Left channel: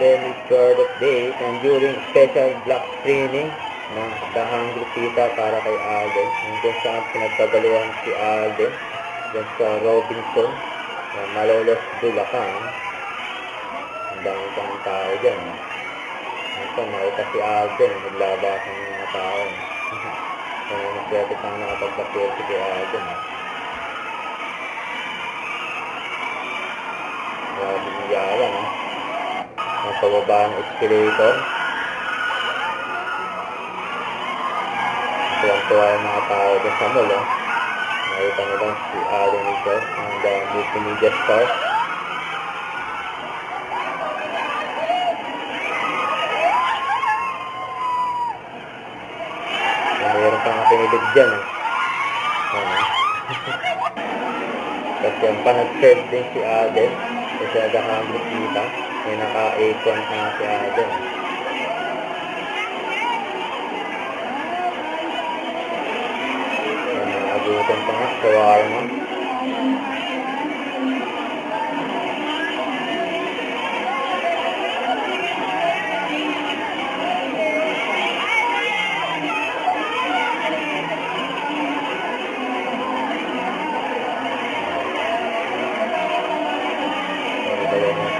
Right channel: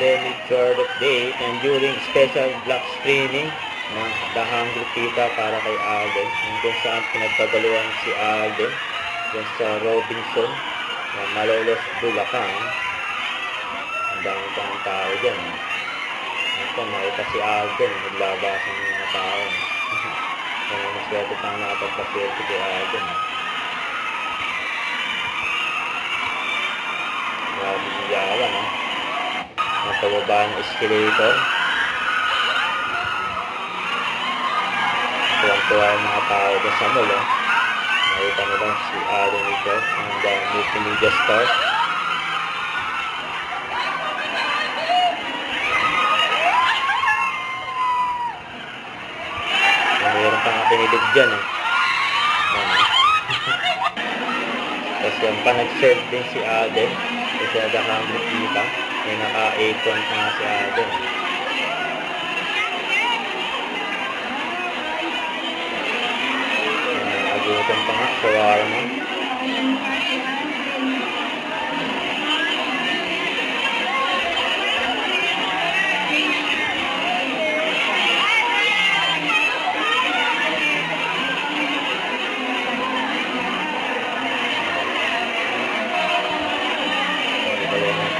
Alden with short update and during special block screening ng The Hungry Tita para kay Alden, kung saan pinagpadaluhan si Alden dyan sa Robinson, Malolos, Bulacan. Ang dami pang tao dyan. Ito, nakita si Alden, naglabasan ng mga tao. Kaya maswerte pang nakapagpaswerte kay Alden. Grabe niyawan, napababa ang escalator. Tuwang-tuwa yung mga tao dyan sa mall. Nakita mo lang si Alden ito ng The Multimedia Store. Mayroon pang pinilid dyan Kasi yung pa nag-serve din si Alden kasi The Hungry Tita, may naka-apron na si Alden. Agutan pa nga, shawarma.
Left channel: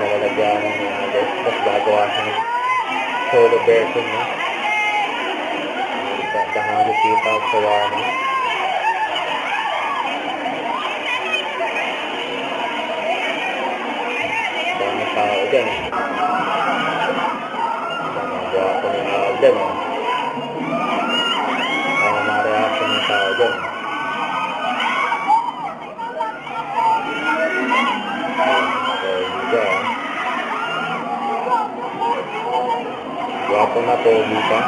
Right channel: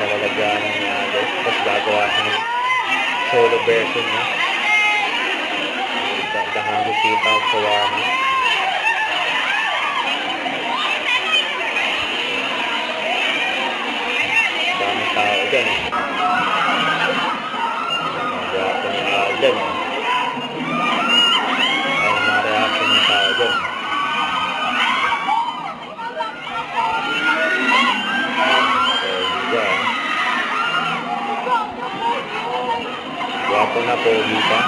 Nalalagyanan niya agad. Tapos gagawa siya ng solo version niya. The Hungry Tita shawarma. Dami tao dyan Gwapo ni Alden Ano mga reaction ng tao dyan. Gwapo na pogi pa.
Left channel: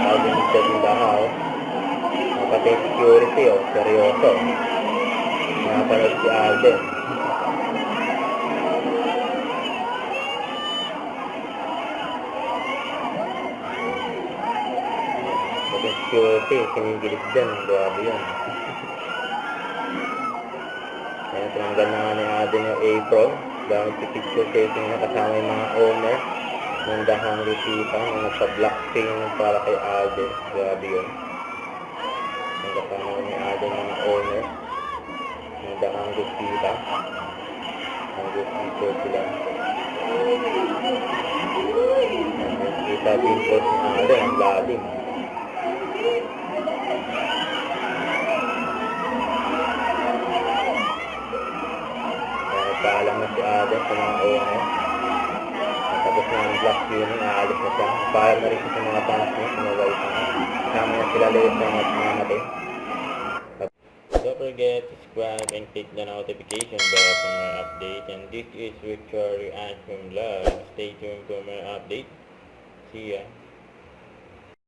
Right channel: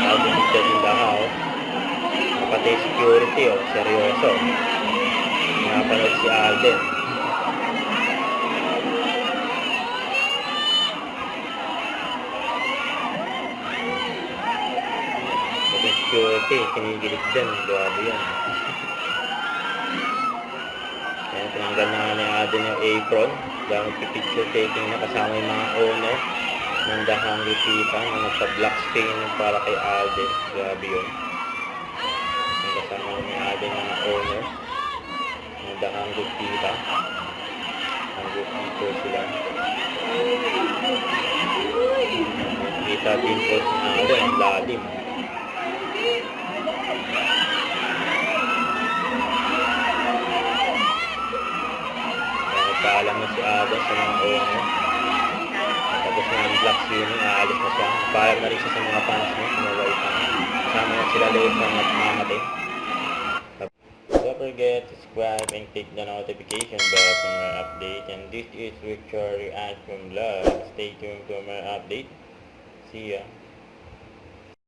Alden siya din dahaw. Pati security seryoso. Napanood si Alden. Pati security, kinigilig din. Grabe yun. Kaya tinanggal na nga ni Alden yung apron. Dahil picture taking na kasama yung mga owner ng The Hungry Tita na nagpa-black screen para kay Alden. Grabe yun. Yung kasama ni Alden mga owner ng The Hungry Tita. Hungry Tita sila. Kita dimples ni Alden ang lalim. Nagpaalam na si Alden sa mga owner. Tapos ng black screening, aalis na siya. Nagpaalam na rin siya sa mga fans niya, kumaway pa. Kasama na sila Leifong at Mamate. Don't forget to subscribe and click the notification bell for more update. And this is Victory Ashburn Vlog. Stay tuned for more update. See ya.